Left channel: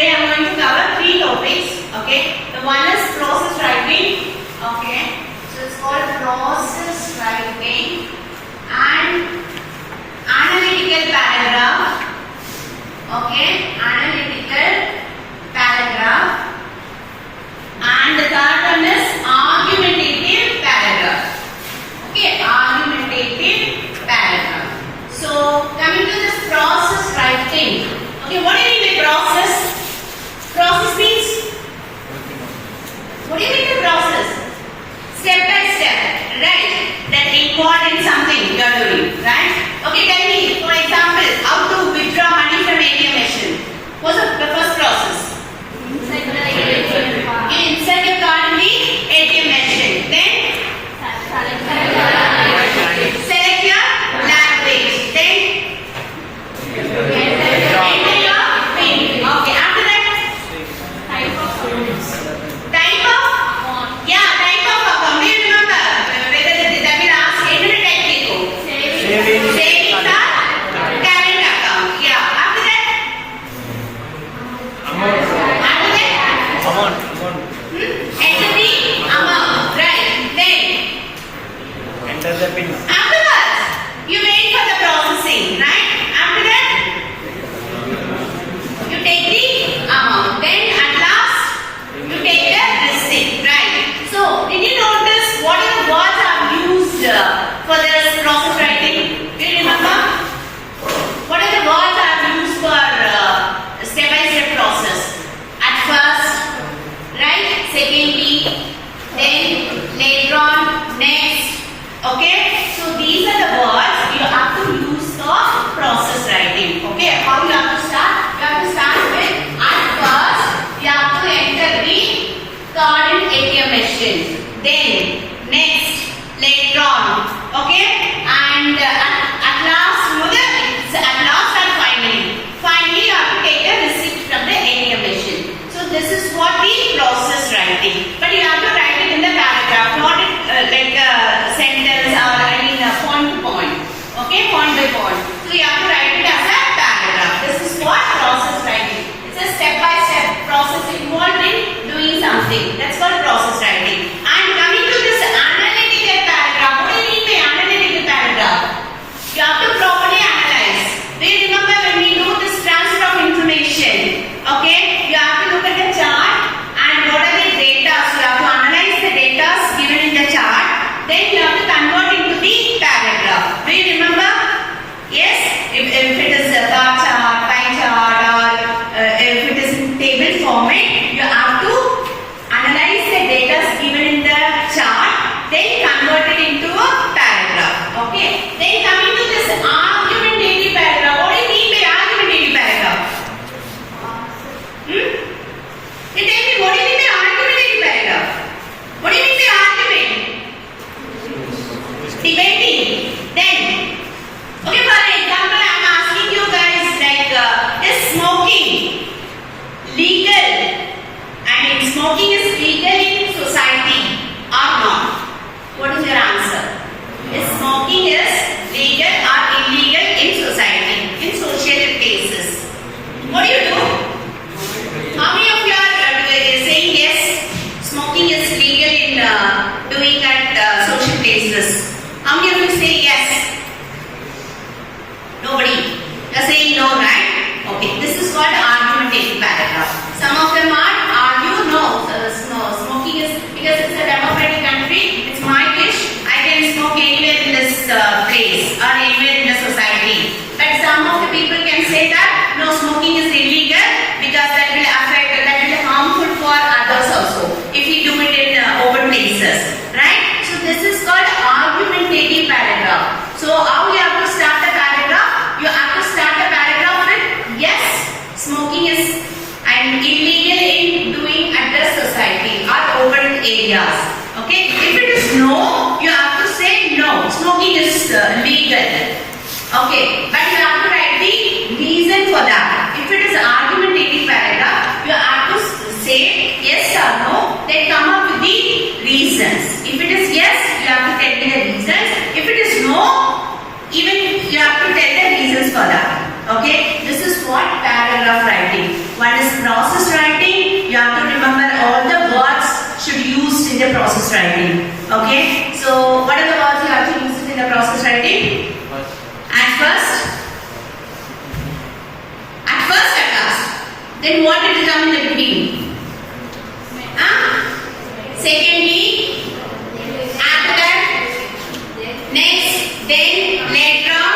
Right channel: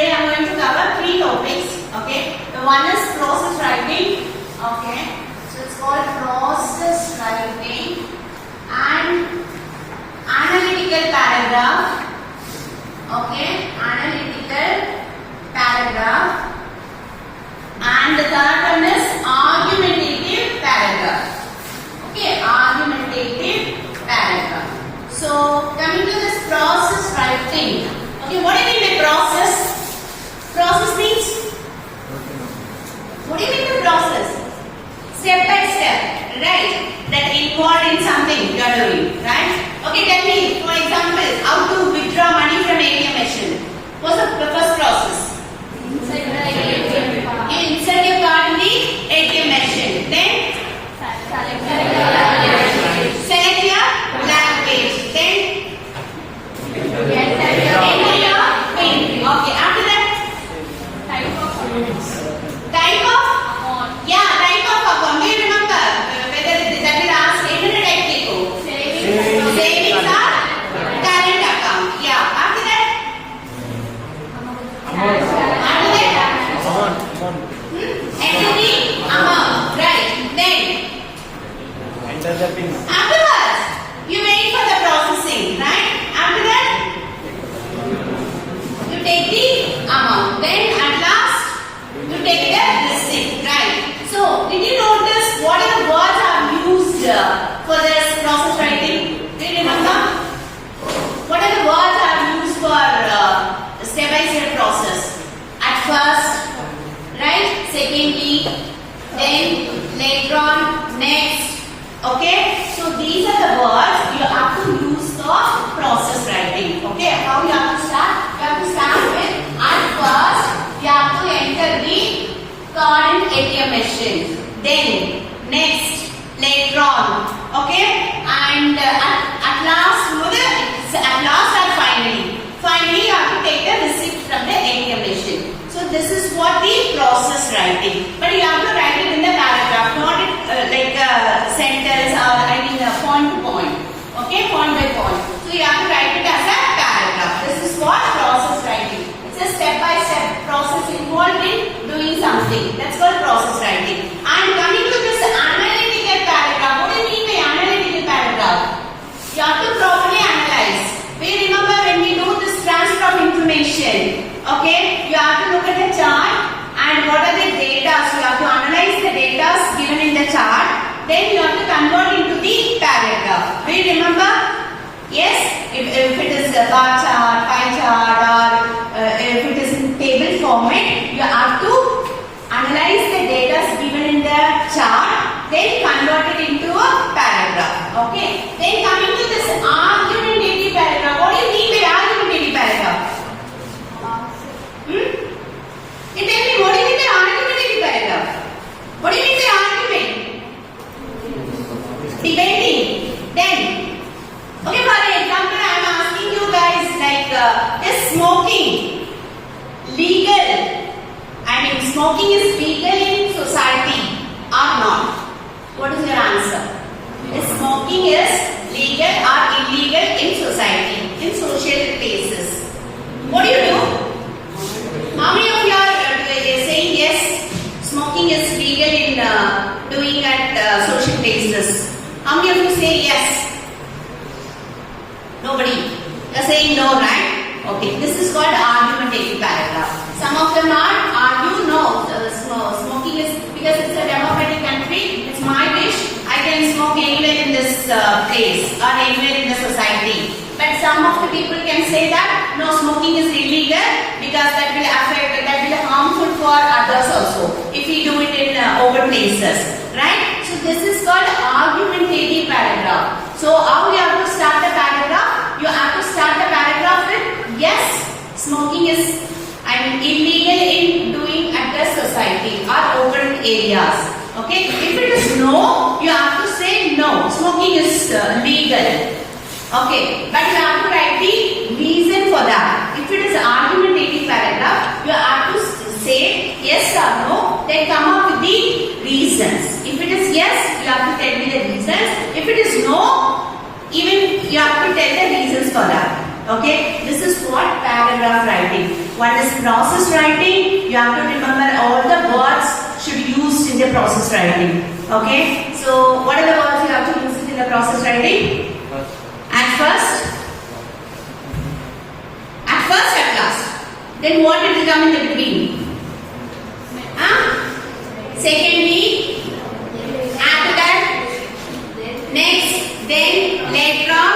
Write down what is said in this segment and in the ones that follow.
Today I am going to cover three topics. Okay, the one is process writing. Okay, so it's called process writing and analytical paragraph. Okay, analytical paragraph, and the third one is argumentative paragraph. Okay, argumentative paragraph. So coming to this process writing. Okay, what do you mean by process? Process means, what do you mean by process? Step by step, right? That involved in something you are doing, right? Okay, tell me, for example, how to withdraw money from ATM machine. What's the first process? Insert your card in the ATM machine. Then select your language. Then enter your PIN. Okay, after that, type of account. Type of account. Yeah, type of account. Do you remember whether that will ask any type people? Savings or current account. Yeah. After that, enter the amount. Right. Then enter the PIN. Afterwards, you wait for the processing, right? After that, you take the amount. Then at last, you take the receipt, right? So, did you notice what are the words are used for this process writing? Do you remember? What are the words are used for step-by-step process? At first, right? Secondly, then later on, next. Okay, so these are the words you have to use for process writing. Okay, how you have to start? You have to start with at first you have to enter the card in ATM machine. Then next, later on. Okay, and at last, at last and finally. Finally, you have to take a receipt from the ATM machine. So this is what the process writing. But you have to write it in the paragraph, not like a sentence or point to point. Okay, point by point. So you have to write it as a paragraph. This is what process writing. It's a step-by-step process involved in doing something. That's called process writing. And coming to this analytical paragraph, what do you mean by analytical paragraph? You have to properly analyze. Do you remember when we do this transfer of information? Okay, you have to look at the chart and what are the data. So you have to analyze the data given in the chart. Then you have to convert into the paragraph. Do you remember? Yes, if it is a bar chart, pie chart, or if it is in table format, you have to analyze the data given in the chart, then convert it into a paragraph. Okay. Then coming to this argumentative paragraph. What do you mean by argumentative paragraph? Tell me, what do you mean by argumentative paragraph? What do you mean by argument? Debating. Then, okay, for example, I am asking you guys like, is smoking legal? I mean, smoking is legal in society or not? What is your answer? Is smoking is legal or illegal in society, in social places? What do you do? How many of you are saying yes, smoking is legal in doing at social places? How many of you say yes? Nobody. You are saying no, right? Okay, this is called argumentative paragraph. Some of them argue no, smoking is, because it's a democratic country, it's my wish, I can smoke anywhere in this place or anywhere in the society. But some of the people can say that no, smoking is illegal because that will affect, that will be harmful for others also if we do it in open places, right? So this is called argumentative paragraph. So how you have to start the paragraph? You have to start the paragraph with yes, smoking is illegal in doing at the society or open areas. Okay, if it is no, you have to say no, smoking is legal. Okay, but you have to write the reason for that. If it is argumentative paragraph, you have to say yes or no, then come up with the reasons. If it is yes, you have to tell me the reasons. If it is no, even you have to tell the reasons for that. Okay, this is what paragraph writing. One is process writing. You have to remember all the words should be used in the process writing. Okay. So what are the words you have to use in the process writing? At first. At first, at last. Then what did it come in the beginning? Secondly, after that, next, then, later on,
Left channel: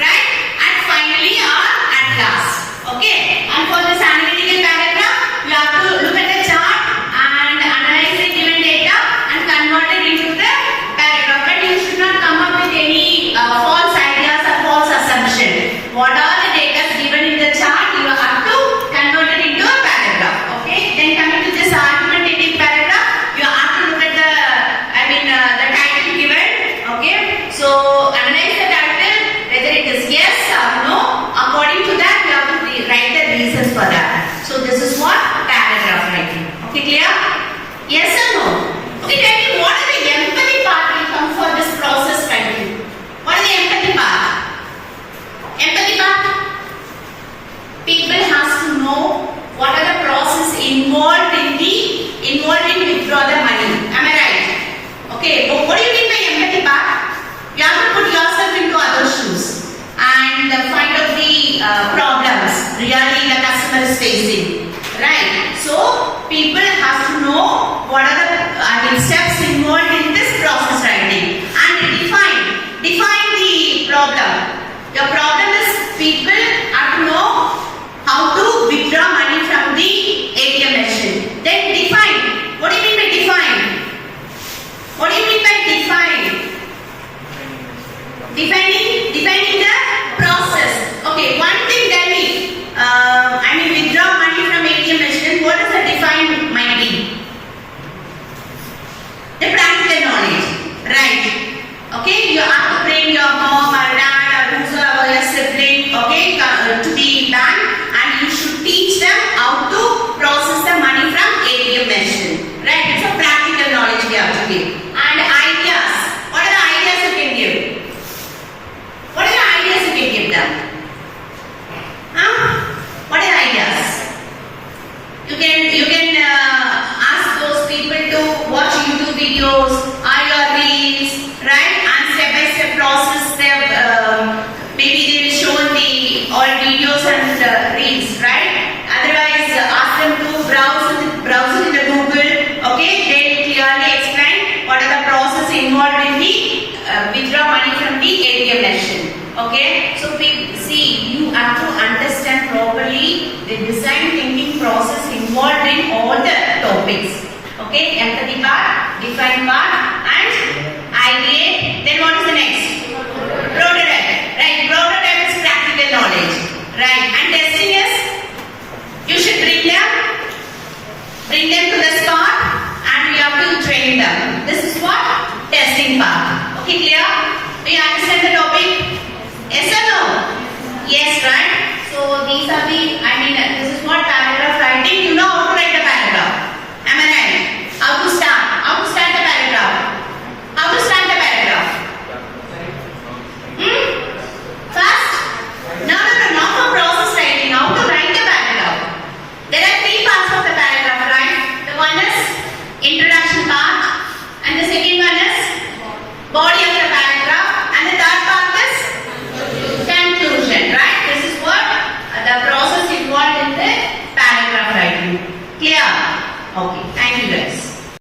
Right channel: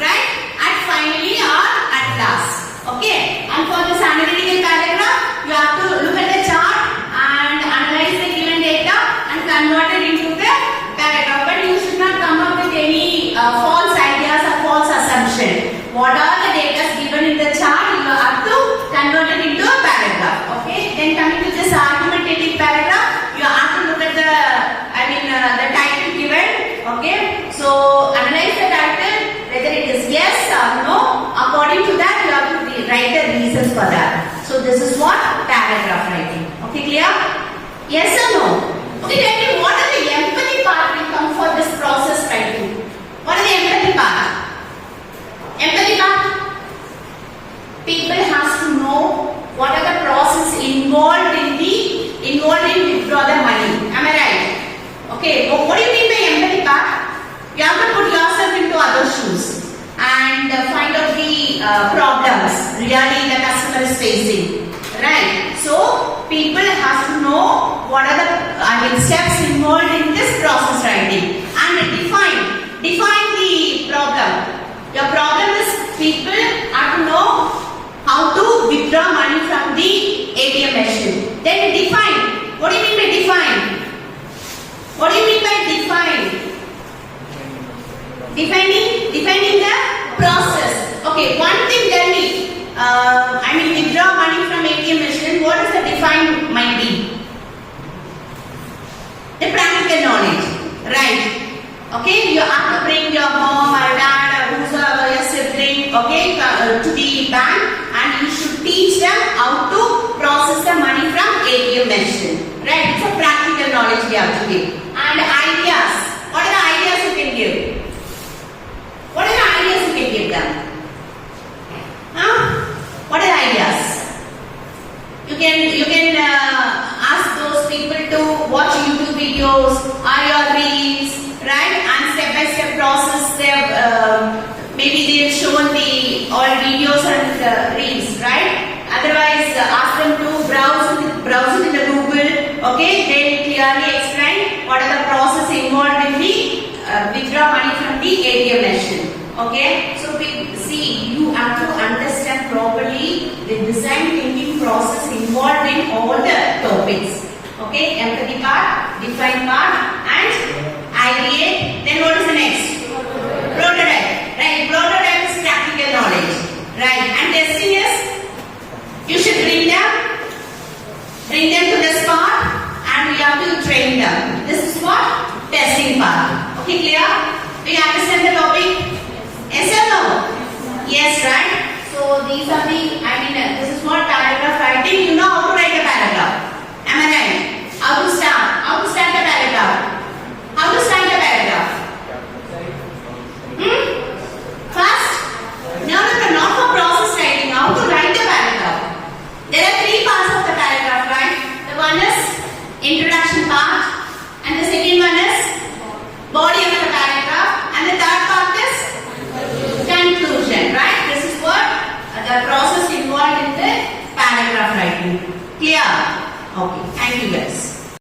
right? And finally or at last. Okay? And for this analytical paragraph, you have to look at the chart and analyze the given data and convert it into the paragraph. But you should not come up with any false ideas or false assumption. What are the data given in the chart? You have to convert it into a paragraph. Okay? Then coming to this argumentative paragraph, you have to look at the title given. Okay? So analyze the title, whether it is yes or no. According to that, you have to write the reasons for that. So this is what paragraph writing. Okay, clear? Yes or no? Okay, tell me what are the empathy part will come for this process writing? What is the empathy part? Empathy part? People has to know what are the process involved in withdraw the money. Am I right? Okay, what do you mean by empathy part? You have to put yourself into other shoes and find out the problems really the customer is facing. Right? So people have to know what are the steps involved in this process writing and define the problem. Your problem is people have to know how to withdraw money from the ATM machine. Then define. What do you mean by define? What do you mean by define? Defining the process. Okay, one thing tell me. Withdraw money from ATM machine. What is the define might be? The practical knowledge, right? Okay, you have to bring your mom or dad or whosoever your sibling, okay, to the bank, and you should teach them how to process the money from ATM machine, right? It's a practical knowledge we have to give. And ideas. What are the ideas you can give? What are the ideas you can give them? What are the ideas? You can ask those people to watch YouTube videos or your reels, right? And step by step process their maybe they'll show all videos and reels, right? Otherwise, ask them to browse it in the Google. Okay, they'll clearly explain what are the process involved in the withdraw money from the ATM machine. Okay, so you have to understand properly the design thinking process involved in all the topics. Okay, empathy part, define part, and ideate. Then what is the next? Prototype. Right, prototype is practical knowledge. Right, and testing is you should bring them to the spot, and we have to train them. This is what testing part. Okay, clear? Do you understand the topic? Yes or no? Yes, right? So these are this is what paragraph writing. You know how to write a paragraph. Am I right? How to start? How to start the paragraph? How to start the paragraph? First? No, not for process writing. How to write the paragraph? There are three parts of the paragraph, right? The one is introduction part.